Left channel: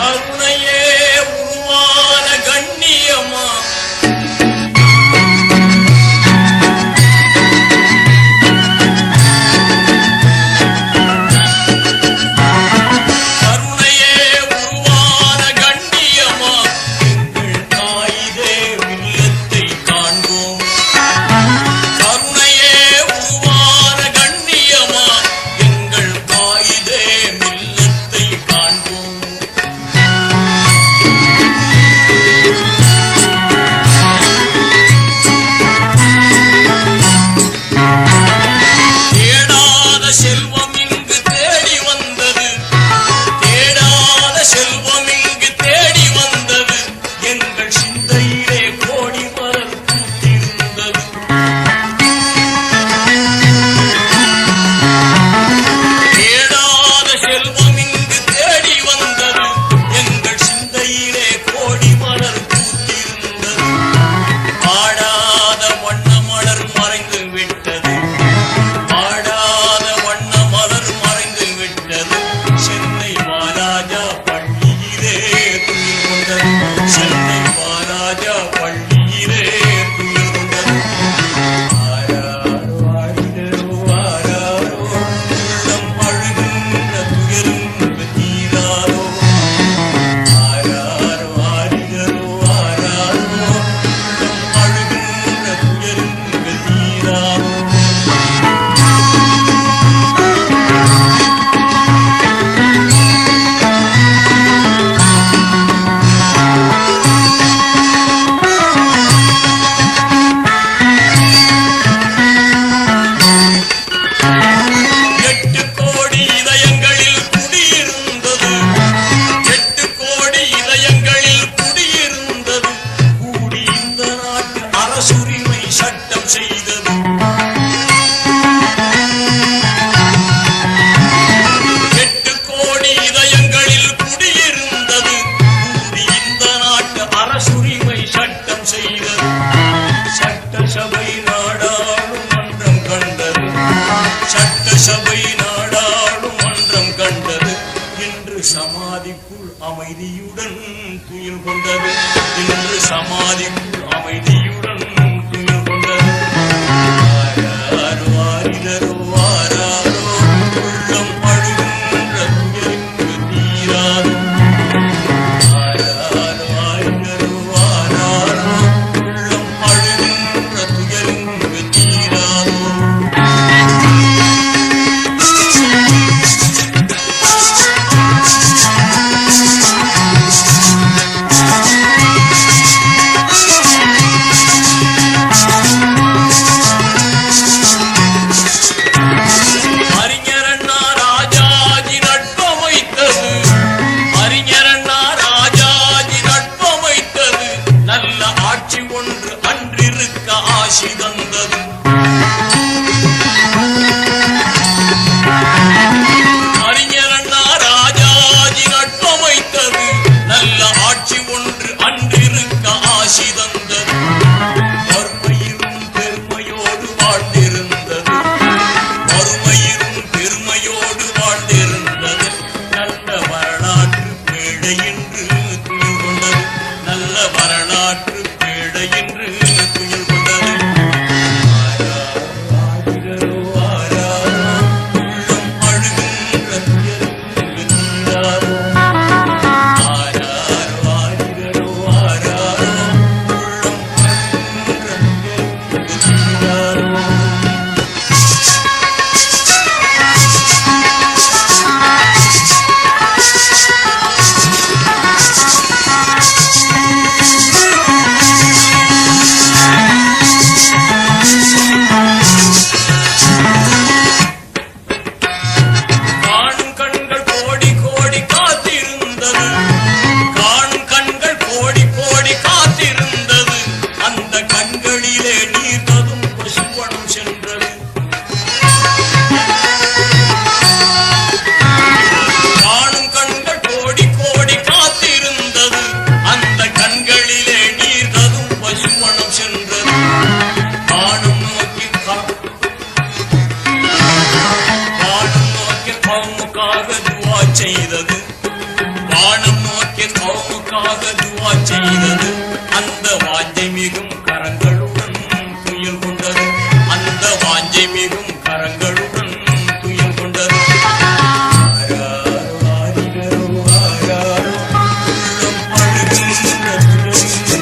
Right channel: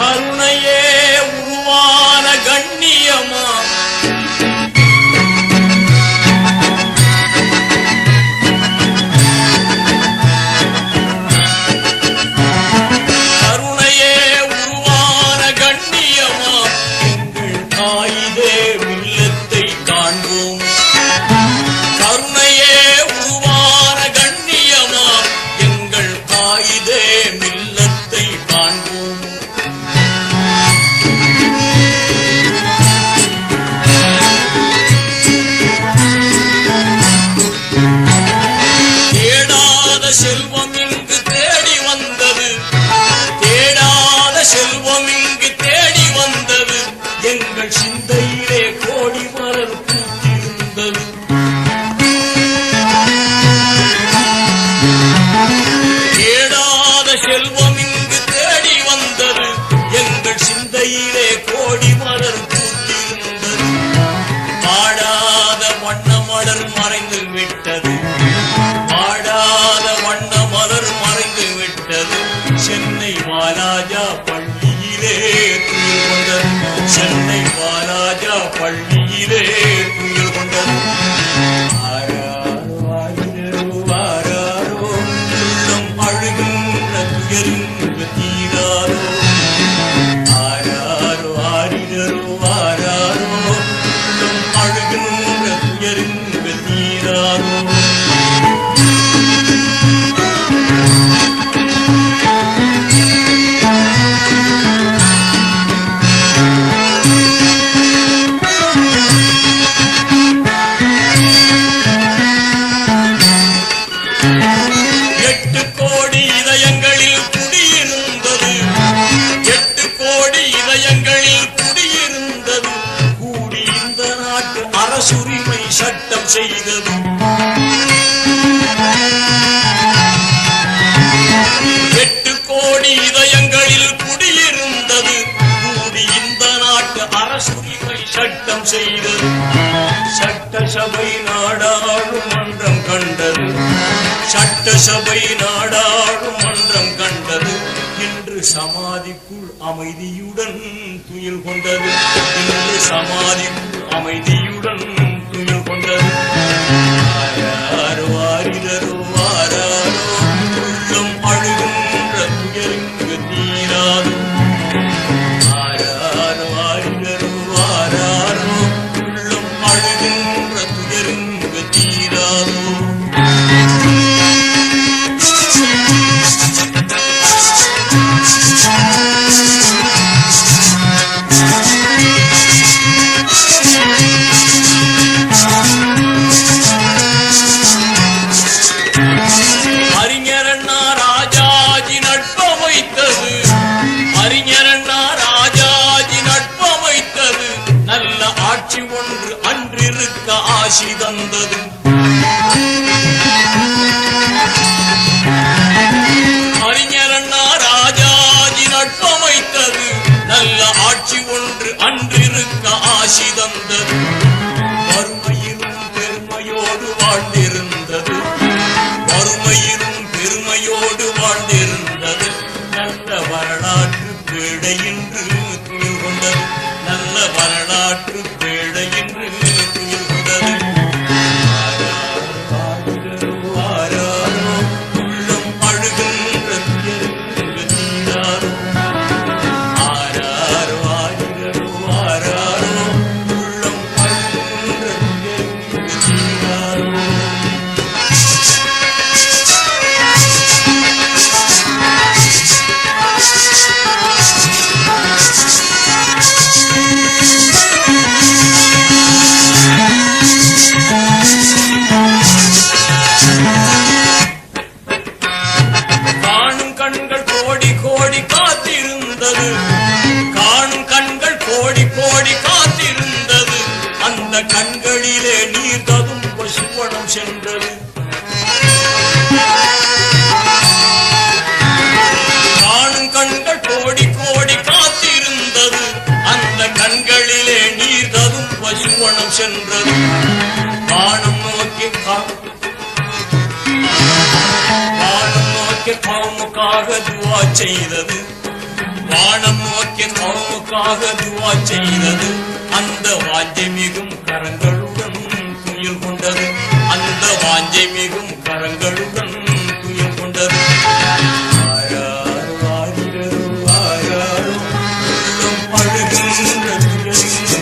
கருணையே உருவான கண்ணியமா கருணையே உருவான கண்ணியமா எங்கள் காயிதே மில்லத்தை காண்போம். கருணையே உருவான கண்ணியமா எங்கள் காயிதே மில்லத்தை காண்போம். செல்வம் இங்கு தேடி வந்தது, தேடாத செல்வம் இங்கு தேடி வந்தது, எங்கள் சிந்தையிலே கோடி மலர் பூத்திருந்தது. தேடாத செல்வம் இங்கு தேடி வந்தது, எங்கள் சிந்தையிலே கோடி மலர் பூத்திருந்தது. பாடாத வண்ண மலர் மறைந்து விட்டது, வண்ண மலர் மறைந்து விட்டது. சென்னை வாலாஜா பள்ளியிலே துயில் கொண்டது, சென்னை வாலாஜா பள்ளியிலே துயில் கொண்டது. ஆராரோ ஆரிரோ ஆராரோ உள்ளம் அழுகின்ற துயரிங்கு தீராதோ. ஆராரோ ஆரிரோ ஆராரோ உள்ளம் அழுகின்ற துயரிங்கு தீராதோ. அரசுரிமை சட்டம் செய்தது. 8 கோடி இதயங்களில் குடியிருந்தது, கூடி இந்த நாட்டு அரசுரிமை சட்டம் செய்தது. சட்டசபை நாடாளுமன்றம் கண்டது, சட்டசபை நாடாளுமன்றம் கண்டது. இன்று சமாதிக்குள் அமைதியுடன் துயில் கொண்டது, இன்று சமாதிக்குள் அமைதியுடன் துயில் கொண்டது. ஆராரோ ஆரிரோ ஆராரோ உள்ளம் அழுகின்ற துயரிங்கு தீராதோ. ஆராரோ ஆரிரோ ஆராரோ உள்ளம் அழுகின்ற துயரிங்கு தீராதோ. நல்ல ஆட்சி ஒன்று அன்றிருக்க ஆசி தந்தது. அறிஞர் அண்ணா ராஜாஜி நட்பமைத்தது, நல்ல ஆட்சி ஒன்று அன்றிருக்க ஆசி தந்தது. வறுமையிலும் பெருமையோடு வாழ்ந்திருந்தது, வறுமையிலும் பெருமையோடு வாழ்ந்திருந்தது. நல்ல வரலாற்று பேழை என்று துயில் கொண்டது, நல்ல வரலாற்று பேழை என்று துயில் கொண்டது. ஆராரோ ஆரிரோ ஆராரோ உள்ளம் அழுகின்ற துயரிங்கு தீராதோ. ஆராரோ ஆரிரோ ஆராரோ உள்ளம் அழுகின்ற துயரிங்கு தீராதோ. காணும் கண்கள் கோடி கோடி காத்திருந்தது, காணும் கண்கள் கோடி கோடி காத்திருந்தது. அந்த கண்களிலே நீர் ததும்ப சிவனம் சென்றது. காணும் கண்கள் கோடி கோடி காத்திருந்தது, அந்த கண்களிலே நீர் ததும்ப சிவனம் சென்றது. வானம் நோக்கி வானம் நோக்கி கவுமுக்காக துவா செய்தது, வானம் நோக்கி அவனுக்காக துவா செய்தது அந்த வாஞ்சை மிகும் கரங்களுடன் துயில் கொண்டது அந்த வாஞ்சை மிகும் கரங்களுடன் துயில் கொண்டது ஆராரோ ஆடிரோ ஆராரோ உள்ளம் அழுகின்ற குரலில்